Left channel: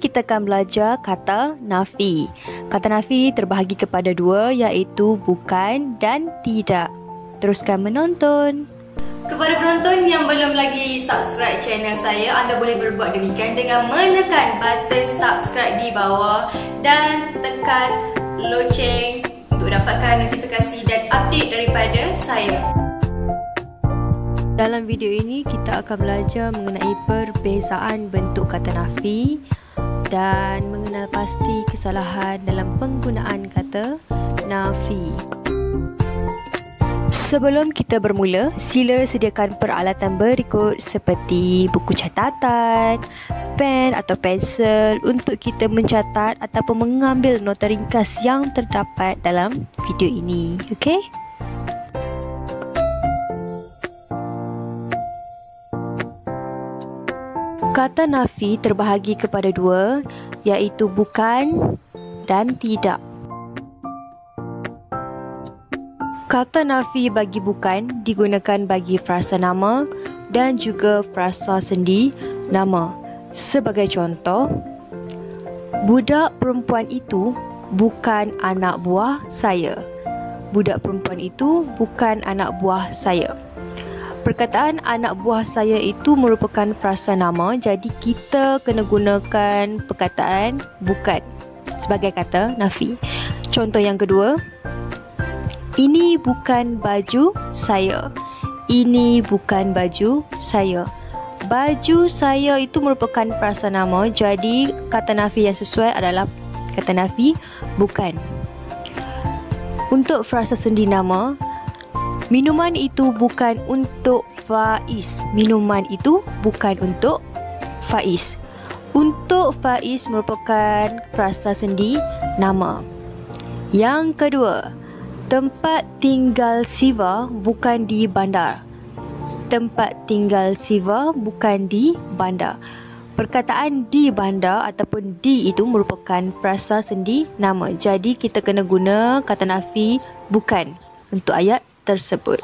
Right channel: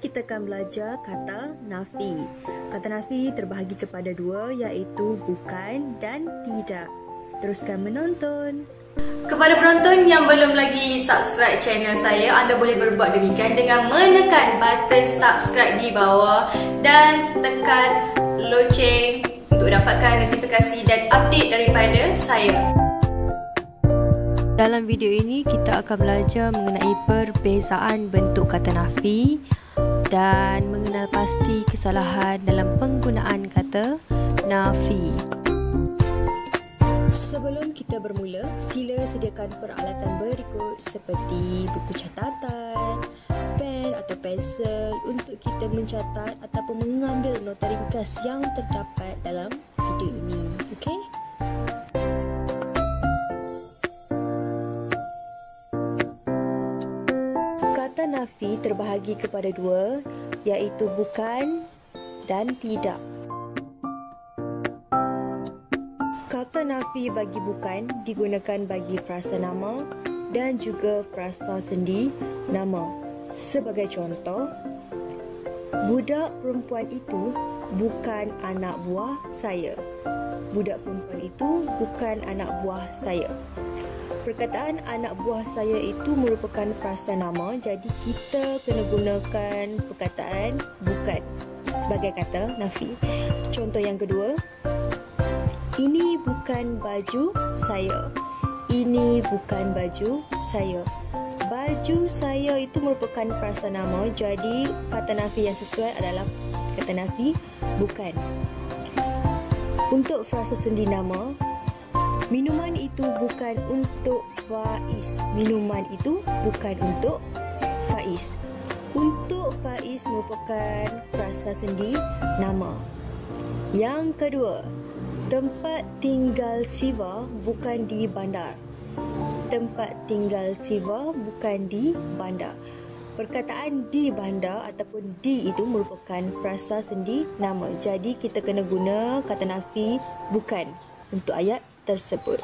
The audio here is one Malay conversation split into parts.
kita akan belajar kata nafi. Kata nafi terbahagi kepada dua, iaitu bukan dan tidak. Teruskan menonton. Kepada penonton yang belum lagi subscribe channel saya, anda boleh berbuat demikian dengan menekan button subscribe di bawah dan tekan loceng untuk dapatkan notifikasi dan update daripada saya. Dalam video ini kita akan belajar mengenai perbezaan bentuk kata nafi dan mengenal pasti kesalahan dalam penggunaan kata nafi. Sebelum kita bermula, sila sediakan peralatan berikut seperti buku catatan, pen atau pensel untuk kita mencatat ataupun mengambil nota ringkas yang terdapat dalam video ini. Okey? Kata nafi terbahagi kepada dua, iaitu bukan dan tidak. Kata nafi bagi bukan digunakan bagi frasa nama dan juga frasa sendi nama. Sebagai contoh, budak perempuan itu bukan anak buah saya. Budak perempuan itu bukan anak buah saya. Perkataan anak buah saya itu merupakan frasa nama, jadi kita kena gunakan perkataan bukan sebagai kata nafi. Contoh yang kedua, ini bukan baju saya. Ini bukan baju saya. Baju saya itu merupakan frasa nama, jadi kata nafi yang sesuai adalah kata nafi bukan. Untuk frasa sendi nama, minuman itu bukan untuk Faiz. Minuman itu bukan untuk Faiz. Untuk Faiz merupakan frasa sendi nama. Yang kedua, tempat tinggal Siva bukan di bandar. Tempat tinggal Siva bukan di bandar. Perkataan di bandar ataupun di itu merupakan frasa sendi nama. Jadi kita kena guna kata nafi bukan untuk ayat tersebut.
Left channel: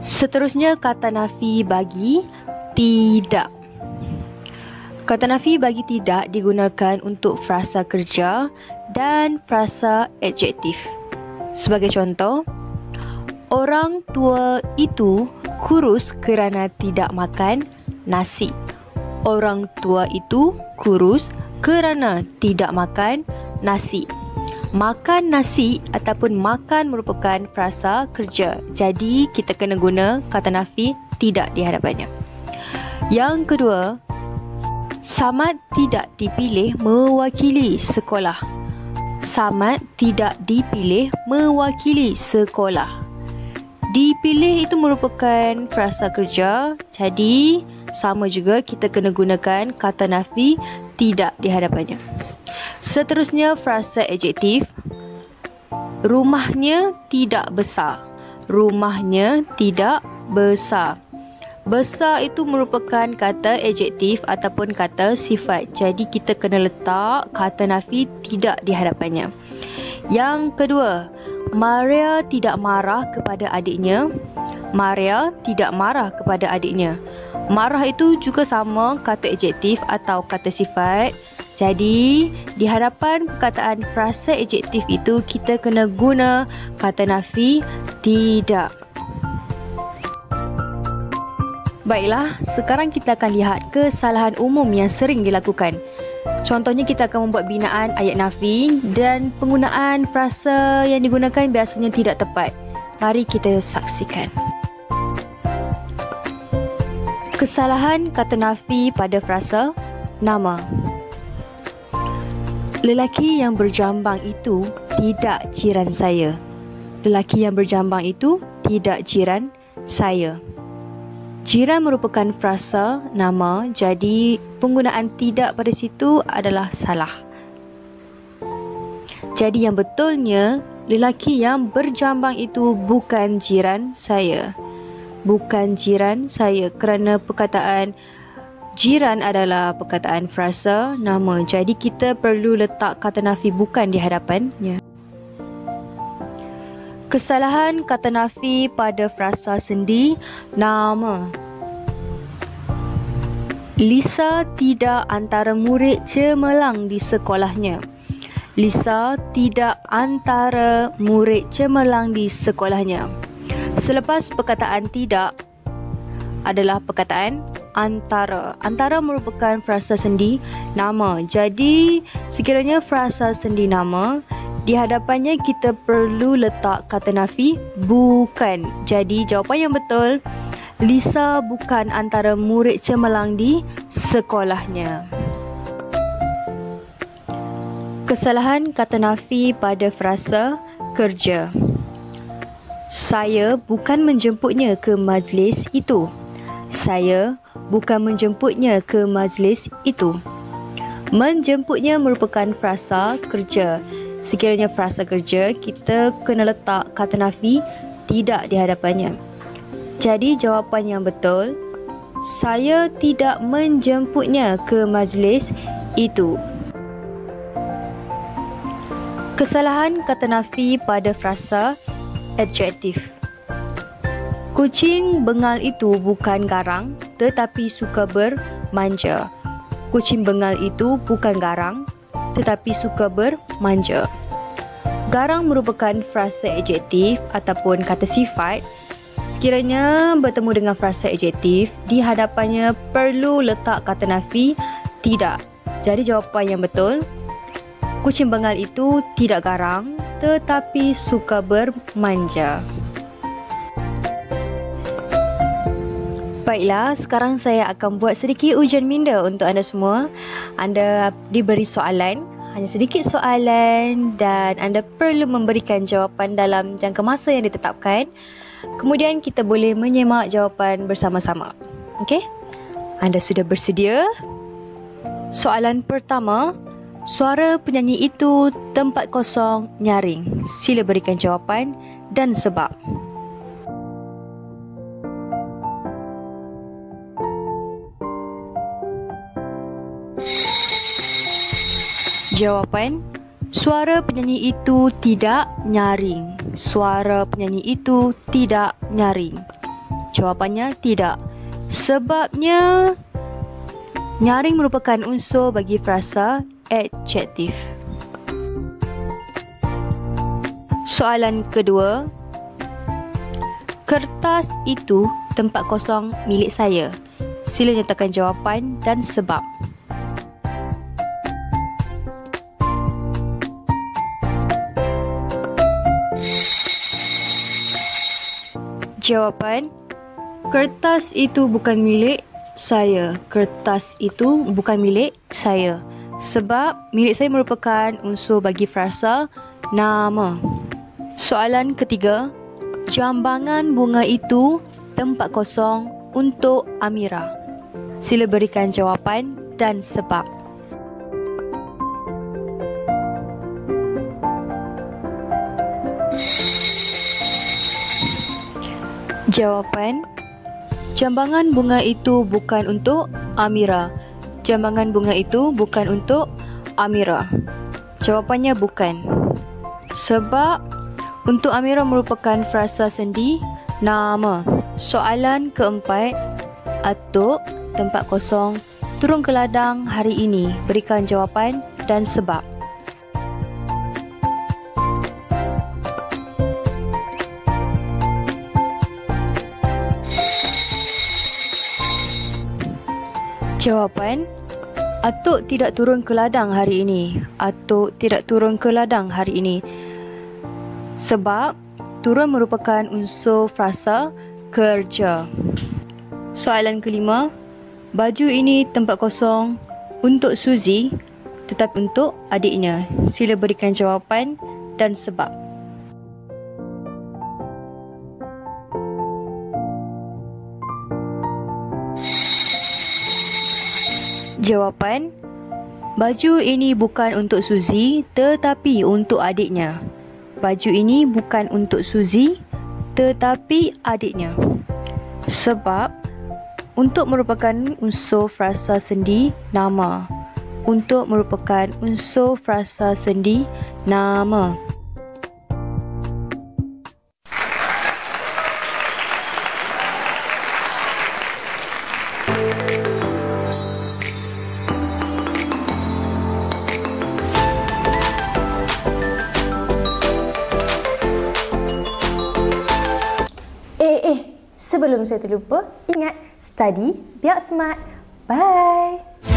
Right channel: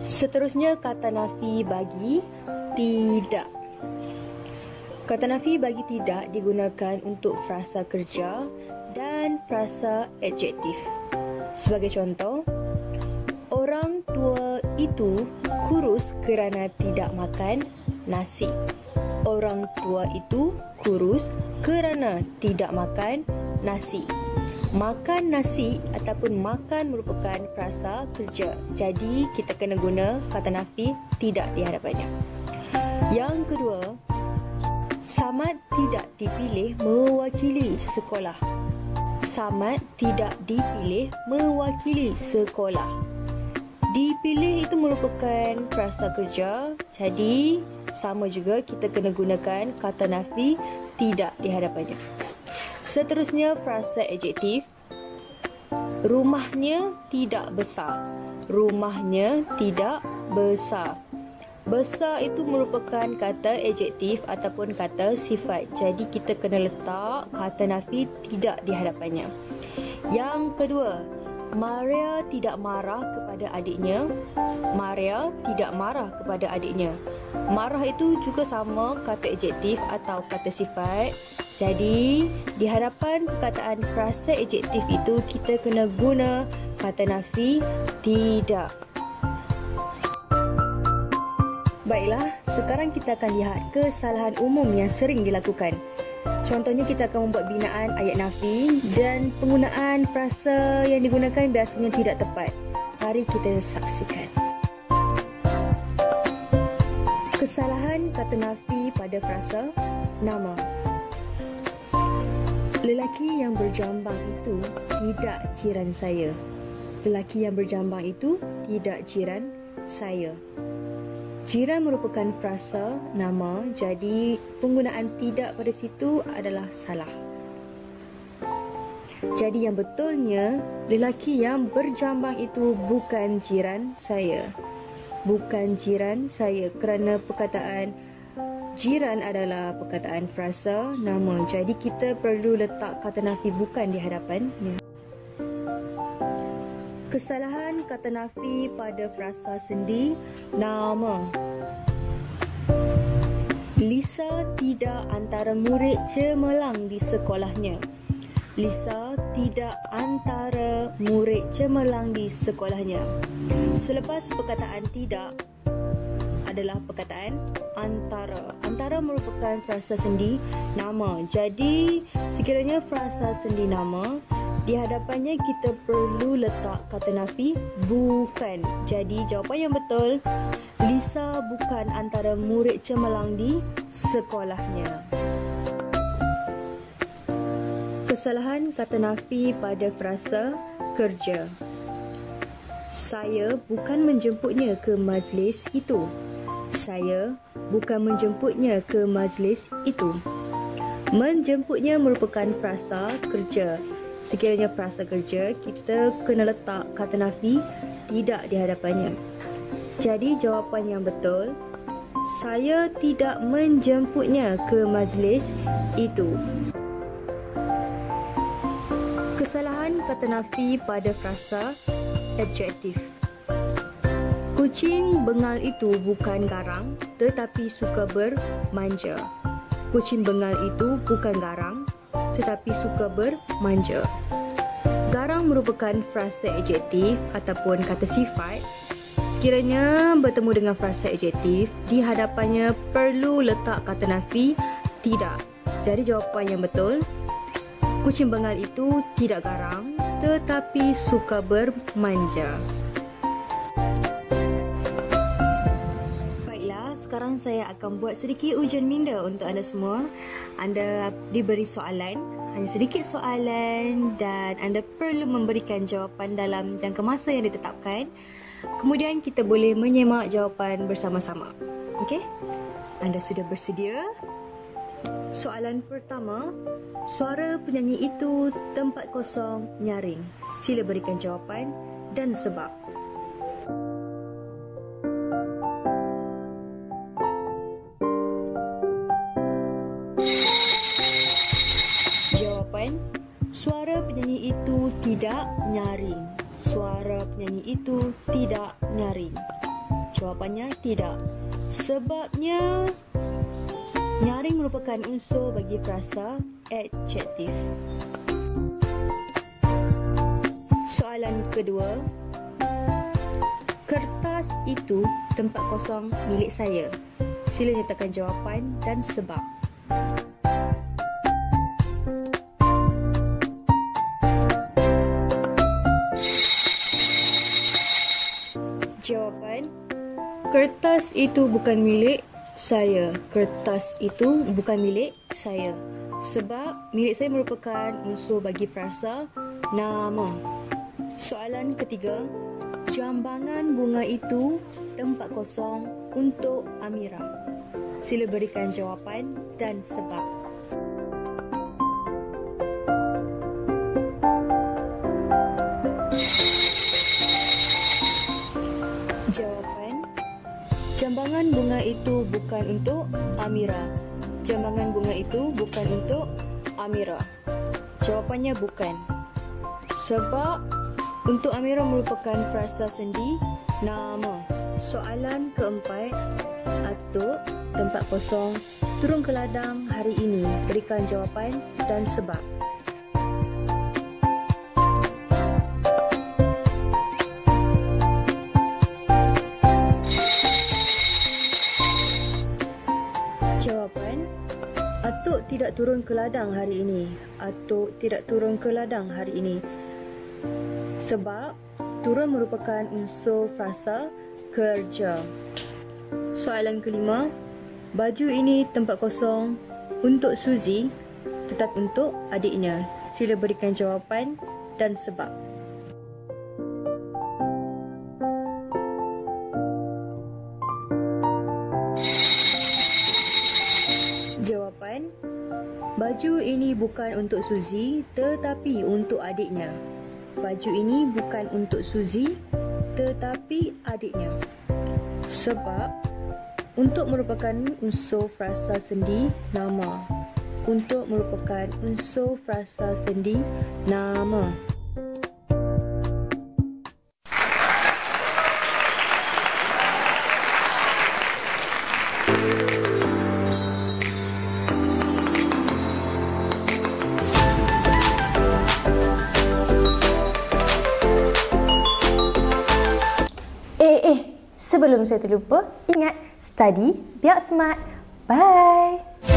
Seterusnya kata nafi bagi tidak. Kata nafi bagi tidak digunakan untuk frasa kerja dan frasa adjektif. Sebagai contoh, orang tua itu kurus kerana tidak makan nasi. Orang tua itu kurus kerana tidak makan nasi. Makan nasi ataupun makan merupakan frasa kerja. Jadi kita kena guna kata nafi tidak di hadapannya. Yang kedua, Samad tidak dipilih mewakili sekolah. Samad tidak dipilih mewakili sekolah. Dipilih itu merupakan frasa kerja. Jadi sama juga kita kena gunakan kata nafi tidak di hadapannya. Seterusnya frasa adjektif. Rumahnya tidak besar. Rumahnya tidak besar. Besar itu merupakan kata adjektif ataupun kata sifat. Jadi kita kena letak kata nafi tidak di hadapannya. Yang kedua, Maria tidak marah kepada adiknya. Maria tidak marah kepada adiknya. Marah itu juga sama kata adjektif atau kata sifat. Jadi di hadapan perkataan frasa adjektif itu kita kena guna kata nafi tidak. Baiklah, sekarang kita akan lihat kesalahan umum yang sering dilakukan. Contohnya kita akan membuat binaan ayat nafi dan penggunaan frasa yang digunakan biasanya tidak tepat. Mari kita saksikan. Kesalahan kata nafi pada frasa nama. Lelaki yang berjambang itu tidak jiran saya. Lelaki yang berjambang itu tidak jiran saya. Jiran merupakan frasa nama, jadi penggunaan tidak pada situ adalah salah. Jadi yang betulnya, lelaki yang berjambang itu bukan jiran saya. Bukan jiran saya kerana perkataan jiran adalah perkataan frasa nama. Jadi kita perlu letak kata nafi bukan di hadapannya. Kesalahan kata nafi pada frasa sendi nama. Lisa tidak antara murid cemerlang di sekolahnya. Lisa tidak antara murid cemerlang di sekolahnya. Selepas perkataan tidak adalah perkataan antara. Antara merupakan frasa sendi nama. Jadi, sekiranya frasa sendi nama, di hadapannya kita perlu letak kata nafi bukan. Jadi, jawapan yang betul, Lisa bukan antara murid cemerlang di sekolahnya. Kesalahan kata nafi pada frasa kerja. Saya bukan menjemputnya ke majlis itu. Saya bukan menjemputnya ke majlis itu. Menjemputnya merupakan frasa kerja. Sekiranya frasa kerja, kita kena letak kata nafi tidak di hadapannya. Jadi jawapan yang betul, saya tidak menjemputnya ke majlis itu. Kesalahan kata nafi pada frasa adjektif. Kucing bengal itu bukan garang tetapi suka bermanja. Kucing bengal itu bukan garang tetapi suka bermanja. Garang merupakan frasa adjektif ataupun kata sifat. Sekiranya bertemu dengan frasa adjektif, di hadapannya perlu letak kata nafi tidak. Jadi jawapan yang betul, kucing bengal itu tidak garang tetapi suka bermanja. Baiklah, sekarang saya akan buat sedikit ujian minda untuk anda semua. Anda diberi soalan, hanya sedikit soalan, dan anda perlu memberikan jawapan dalam jangka masa yang ditetapkan. Kemudian kita boleh menyemak jawapan bersama-sama. Okey? Anda sudah bersedia? Soalan pertama, suara penyanyi itu tempat kosong nyaring. Sila berikan jawapan dan sebab. Jawapan, suara penyanyi itu tidak nyaring. Suara penyanyi itu tidak nyaring. Jawapannya tidak. Sebabnya, nyaring merupakan unsur bagi frasa adjektif. Soalan kedua, kertas itu tempat kosong milik saya. Sila nyatakan jawapan dan sebab. Jawapan, kertas itu bukan milik saya. Kertas itu bukan milik saya. Sebab milik saya merupakan unsur bagi frasa nama. Soalan ketiga, jambangan bunga itu tempat kosong untuk Amira. Sila berikan jawapan dan sebab. Jawapan, jambangan bunga itu bukan untuk Amira. Jambangan bunga itu bukan untuk Amira. Jawapannya bukan. Sebab untuk Amira merupakan frasa sendi nama. Soalan keempat, atuk tempat kosong turun ke ladang hari ini. Berikan jawapan dan sebab. Jawapan, atuk tidak turun ke ladang hari ini. Atuk tidak turun ke ladang hari ini. Sebab turun merupakan unsur frasa kerja. Soalan kelima, baju ini tempat kosong untuk Suzy tetapi untuk adiknya. Sila berikan jawapan dan sebab. Jawapan, baju ini bukan untuk Suzy tetapi untuk adiknya. Baju ini bukan untuk Suzy tetapi adiknya. Sebab untuk merupakan unsur frasa sendi nama. Untuk merupakan unsur frasa sendi nama. Sebelum saya terlupa, ingat study biar smart. Bye.